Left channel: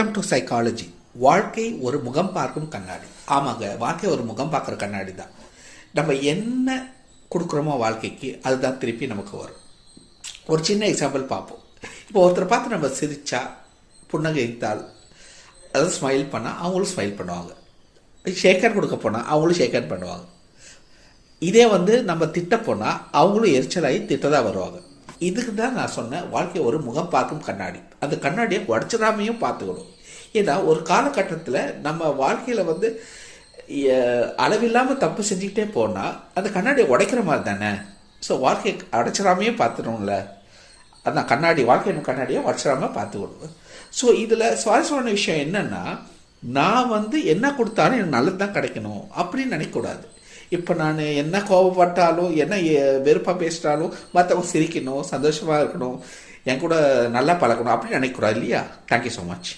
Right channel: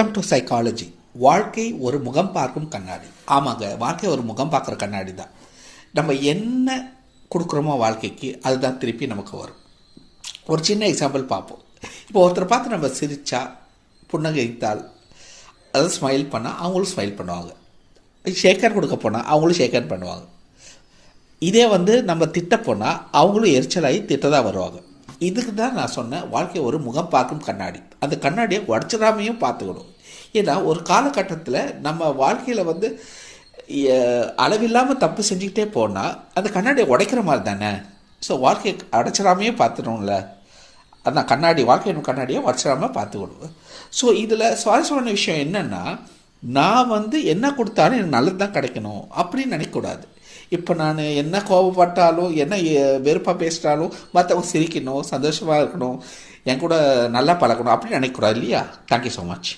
Come to psychology. வாழ்க்கை ஒரு முகம் பார்க்கும் கண்ணாடி. ஆமாங்க, வாழ்க்கை ஒரு முகம் பார்க்குற கண்ணாடி தான். நம்ம என்ன கொடுக்குறோமோ வாழ்க்கைக்கு அதுதான் திருப்பி நமக்கு வரும். ஒரு சின்ன எக்ஸாம்பிள் பார்ப்போம். இப்போ ஒருத்தரை பார்த்து நம்ம சிரிச்சா, புன்னகைத்தால், அதாவது ஸ்மைல் பண்ணால் அவங்களும் ஸ்மைல் பண்ணுவாங்க. ஷேக்கர் கொடுக்க போனால் அவங்களும் ஷேக்கர் பண்ணுவாங்க. இதே நம்ம திட்ட போனால் அவங்களும் எரிச்சலாகி திட்டதாக வருவாங்க. இதுக்கு தான் நான் சொன்னேன், வாழ்க்கை ஒரு முகம் பார்க்கும் கண்ணாடி. அந்த கண்ணாடியை உடச்சிடாமையும் பார்த்துக்கணும். ஏன்னா ஒரு காலகட்டத்தில் நம்ம வாழ்க்கையில் அளவில்லாமல் தப்பு செஞ்சுக்கிட்டே போனால் அந்த கண்ணாடியை உடைக்கிற மாதிரி தானே. ஸோ வாழ்க்கையை உடச்சிடாமையே பார்த்துக்கணும்ல. அதான் கண்ணாடி, வாழ்க்கையின் கண்ணாடியை உடச்சிடாமல் பார்த்துக்கணும். ஸோ இதில் சுவாரஸ்யமான விஷயம் என்னென்னா, நான் என்ன கொடுத்தாலும் எனக்கு நல்லது தான் கிடைக்கணும் அப்படின்னு நினைக்கக்கூடாது. இப்போ நான் என்ன கோபப்பட்டாலும், என்ன வெறுப்பாக பேசிட்டாலும் மற்றவங்க சிரிக்கணும், சந்தோஷமாக இருக்கணும், என் கூட நல்லா பழக்கணும் அப்படின்னு நினைக்கக்கூடாது இல்லையா? Thank you so much.